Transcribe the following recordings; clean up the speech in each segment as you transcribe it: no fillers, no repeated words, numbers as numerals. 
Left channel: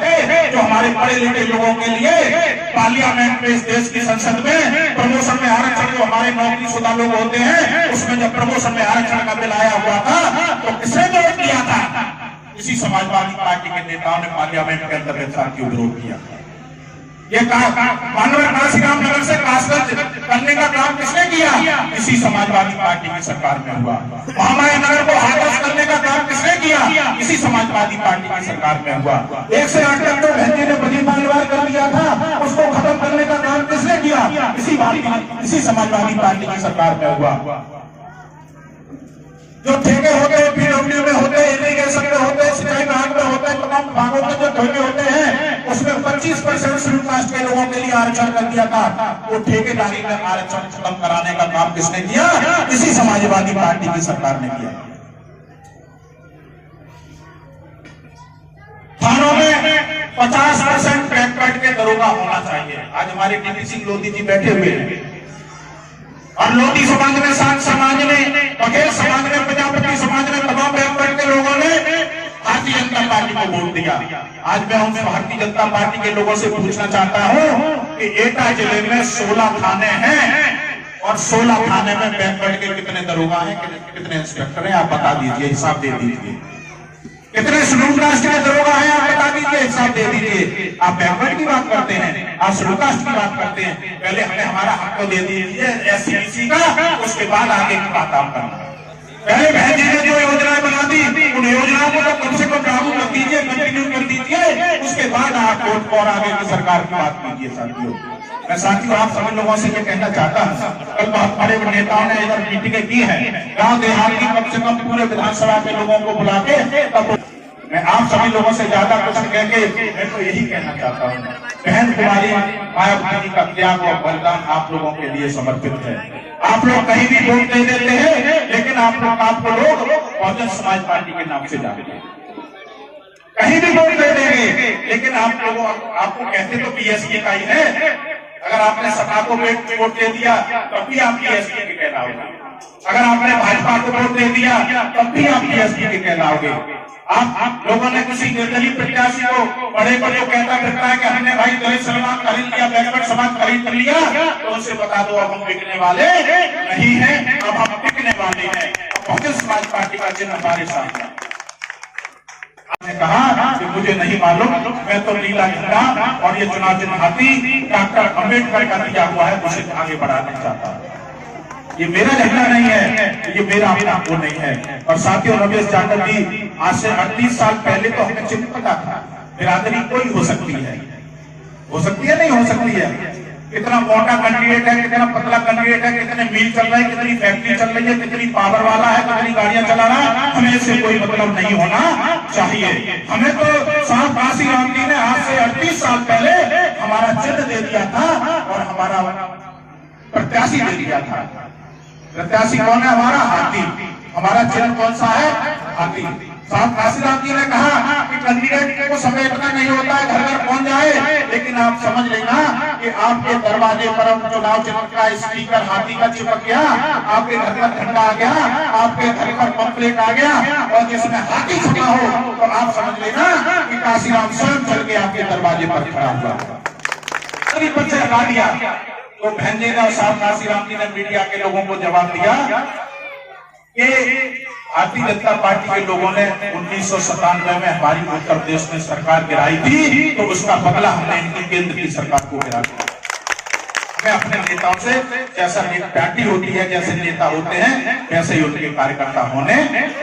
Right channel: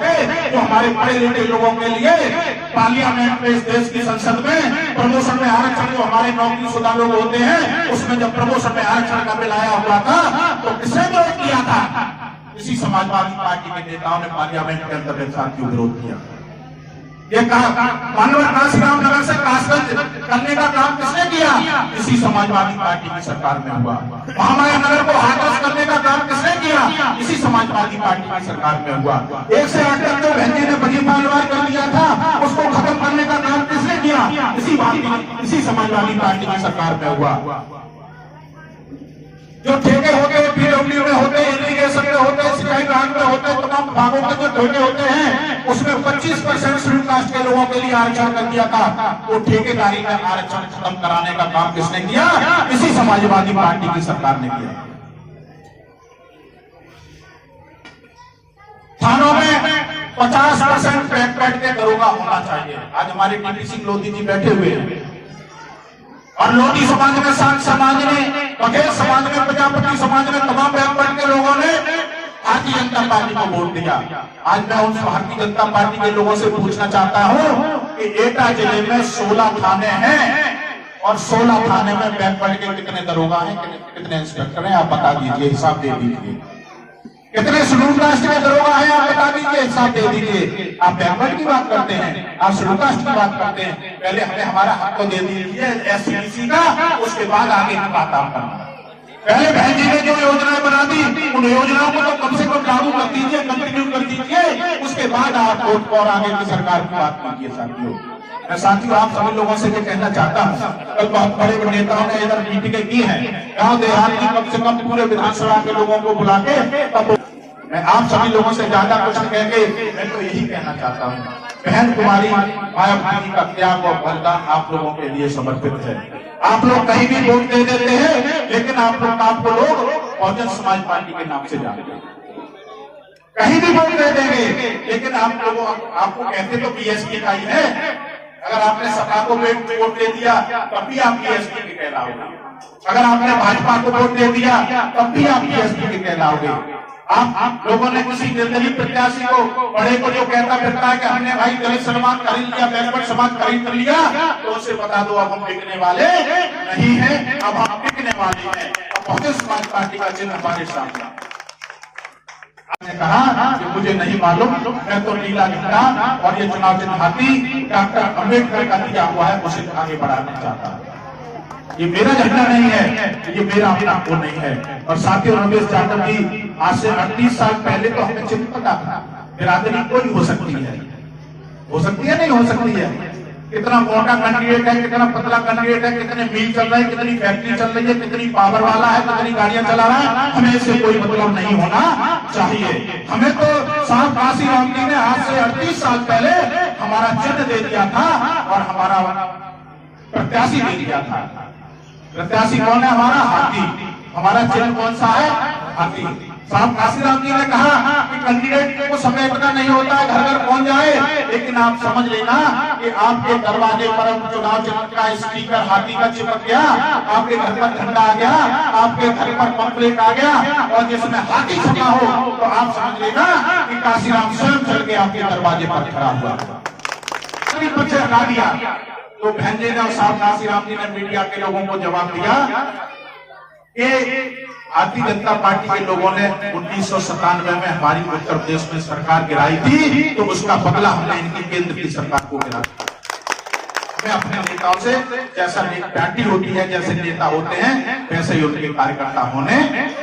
सकते जो हमारे पढ़े लिखे लोगों के लिए पार्लियामेंट में, इस देश की संसद में प्रमोशन में आरक्षण जो हमारे नौकरीशुदा लोग होते हैं, उसमें जब प्रमोशन में आरक्षण का बिल आया हुआ था तो किसने विरोध किया था? इसी समाजवादी पार्टी के नेताओं ने पार्लियामेंट के अंदर क्यों विरोध किया? ये मानवर काशीराम नगर से कासगंज करने का काम किसने किया? इसी समाजवादी पार्टी की सरकार में हुआ। महामाया नगर को हाथरस करने का काम किसने किया? इसी समाजवादी पार्टी की सरकार में हुआ। 1 से 8 तक जो बहन जी ने बनी मालवार कर दिया था, उसको खत्म करने का काम किसने किया? इसी समाजवादी पार्टी की सरकार में हुआ। जो ठेके होते हैं, पीडब्ल्यू में होते हैं, इरिगेशन में होते हैं, सिंचाई विभाग में होते हैं, तमाम विभागों के जो ठेके होते हैं, उसमें 25% शेड्यूल कास्ट के लोगों के लिए आरक्षण कर दिया था। वो ठेकेदारी में आरक्षण खत्म कराने का काम किसने किया? इसी समाजवादी पार्टी की सरकार ने किया। थानों में 50% पैट के दरोगा होना चाहिए। आज हमारे टीपी सिंह लोधी जी बैठे हुए हैं और लोधी समाज में, सांत समाज में, बघेल समाज में, प्रजापति समाज में, तमाम बैकवर्ड के लोगों ने भारतीय जनता पार्टी को वोट दिया। आज मैं उन भारतीय जनता पार्टी के लोगों से पूछना चाहता हूं कि एटा जिले में 16 थाने हैं और 16 थाने में बैकवर्ड के कितने दरोगा हैं, कितने इंस्पेक्टर हैं? आप बता दीजिए, हिसाब दे दीजिए। कितने शेड्यूल कास्ट के दरोगा हैं? आप बता दीजिए, हिसाब दे दीजिए। आप बैकवर्ड की बात करते हैं, आप शेड्यूल कास्ट की बात करते हैं। पहले हमें हमारा हक तो दे दीजिए SC/BC का, उसके बाद आगे की बात आप करना। पहले बहन जी ने जो योजनाएं बना दी, उन योजनाओं को तो कम से कम लागू कर दीजिए, कंटिन्यू कर दीजिए, उसके बाद आप वोट और आगे की सरकार की बात कीजिए। साथियों, मैं साथियों आप सभी लोगों से भी कहना चाहता हूँ, कल बहुत बड़े नेताओं ने इधर मीटिंगें की है, गाँव देहात की कम से कम पूरे विधानसभा के लोगों को बुला के, तब मैं आप सभी लोगों से ज्यादा कुछ कह के मैं तो यही कहना चाहता हूँ, बहन कुमारी मायावती का त्याग और बलिदान आप लोगों के लिए समर्पित है। आप लोग कहीं भी वोट दे देते हैं, लेकिन आपको लोग बहुजन समाज पार्टी के नाम से जानते हैं। कहीं भी वोट दे देंगे, लेकिन आपको कहते तो BSP का ही है। अगर आपने सपा को वोट दे दिया तब भी आप BSP के कहलाओगे। अगर आपने भाजपा को वोट दे दिया तब भी आप BSP के कहलाओगे। आप लोगों ने किसी निर्दलीय प्रत्याशी को बड़े को जो कहता फिरता है कि हमने भाई दलित समाज खरीद लिया, बैकवर्ड समाज खरीद कर लिया, तो उसे बता दो अब हम बिकने वाले नहीं हैं, अब हम बिकने वाले हैं। अब बहुजन समाज पार्टी का चिन्ह हमारे सामने। आपने कहा कि मुझे नहीं मालूम, मैं तो नीला झंडा और ये चुनाव चिन्ह हाथी डॉक्टर अम्बेडकर का दिया हुआ है, मुझे आगे बढ़ाना चाहता है। ये मेरा झंडा नहीं है, ये मेरा अपना वो नहीं है। और साथियों, रमेश यादव जी, आज से 38 साल पहले तो हमें चिन्ह पता था, बिरादरी कोई हो सकती है, नहीं हो सकती है। कितना मोटा कैंडिडेट है, कितना पतला कैंडिडेट है, कितने मिल चल रहे हैं, कितनी फैक्ट्री चल रही है, कितनी पावर वाला है, कितनी गाड़ियां चला रहा है, हमें इससे कोई मतलब नहीं होना चाहिए। हमें तो साहब काशीराम जी ने आज से 38 साल पहले हमारा चिन्ह दे दिया था और हमारा प्रत्याशी दे दिया था। प्रत्याशी कौन है? हमारा हाथी। हमारा चिन्ह कौन सा है? हाथी। साहब काशीराम जी ने कहा कि कैंडिडेट को समेटना नहीं होता है, घर घर पहुंच जाए, लेकिन आप समझ लेना कि आपके दरवाजे पर चुनाव चिन्ह का स्टिकर हाथी का चिपक गया, आपके घर पर झंडा आ गया, आपके घर पर पंपलेट आ गया और जिसमें हाथी छपा हो तो आप समझ लेना कि काशीराम स्वयं चल के आपके दरवाजे पर खड़ा हुआ। बच्चे लगा दिया तो बहन जी ने और साहब काशीराम जी ने मीडिया के लोगों को जवाब दिया कि भारतीय जनता पार्टी के लोगों ने 1997 में हमारी उत्तर प्रदेश में सरकार गिराई थी, तो उसका बदला हमने इनकी केंद्र की सरकार को गिरा दिया। मैं अपने नेताओं से, जैसा पार्टी होती है, जैसे नेता होते हैं, वैसे ही उनके कार्यकर्ता होने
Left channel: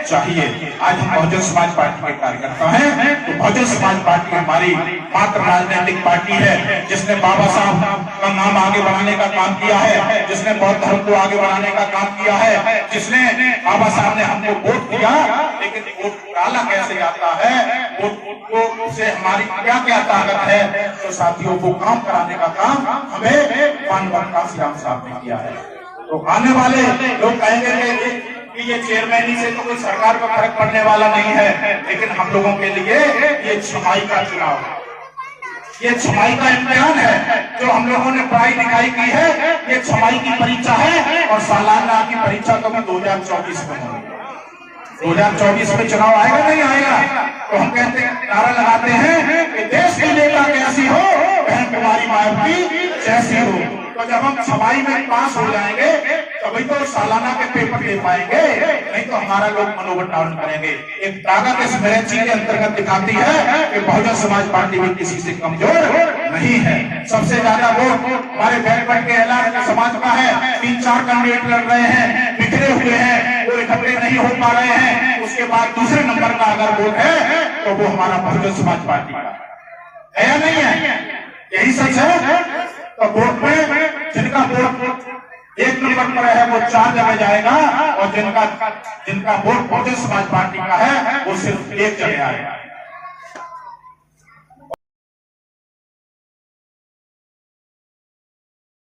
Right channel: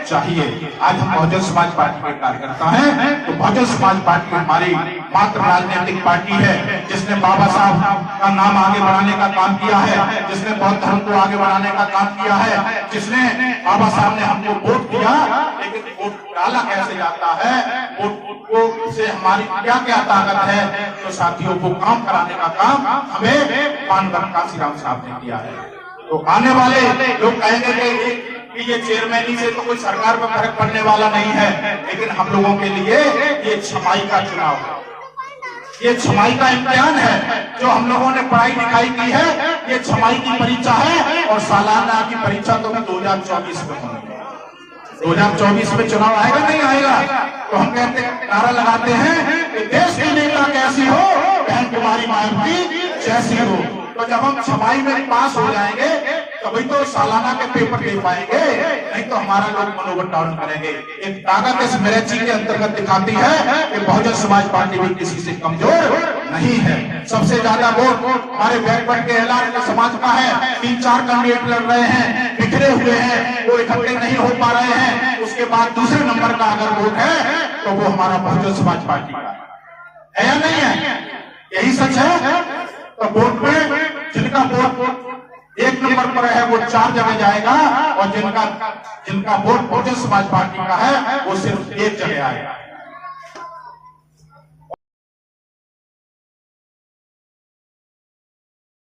चाहिए। आज हम बहुजन समाज पार्टी के कार्यकर्ता हैं, तो बहुजन समाज पार्टी हमारी मात्र राजनीतिक पार्टी है जिसने बाबा साहब का नाम आगे बढ़ाने का काम किया है, जिसने बौद्ध धर्म को आगे बढ़ाने का काम किया है, जिसने बाबा साहब ने हमको वोट दिया, लेकिन वोट डाला कैसे जाता है, वोट को से हमारी क्या क्या ताकत है, तो साथियों को काम कराने का काम हमें मानवर काशीराम साहब ने किया है। तो आने वाले लोग कहेंगे कि ये चेयरमैनी से तो कोई सरकार पर फर्क पड़ने वाला नहीं है, लेकिन हम लोगों के लिए ये छमाई का चुनाव है, ये छमाई का इम्तिहान है। जो हम लोगों ने पढ़ाई लिखाई की है, ये छमाई की परीक्षा है और सालाना की परीक्षा तो मैं 2024 में होगी। 2024 में चुनाव आएगा नहीं आएगा, तो हम कहते हैं, नारा लगाते हैं कि देश की नेता कैसी हो, बहन कुमारी मायावती जैसी हो। तो जब हम सफाई में पास हो जाएंगे तभी तो सालाना के पेपर दे पाएंगे, नहीं तो हमारा लोग मनोबल डाउन करेंगे। एक ताकत इस मेरिट के अंतर्गत दिखाती है कि बहुजन समाज पार्टी भी किसी से कमजोर नहीं है। सबसे ज्यादा वोट हमारे बैकवर्ड के एलान समाज का है। 3-4 कैंडिडेट लड़ रहे हैं, बिखरे हुए हैं, वो इकट्ठे नहीं हो पा रहे हैं। उसके बाद दूसरे नंबर का अगर वोट है तो वो हमारा बहुजन समाज पार्टी का है या नहीं है? यही सच है। तो वोट में जिनका वोट 1 नंबर पर है वो 4 जगह जाएगा, और जिनका वोट बहुजन समाज पार्टी का है वो सिर्फ 1 जगह आएगा।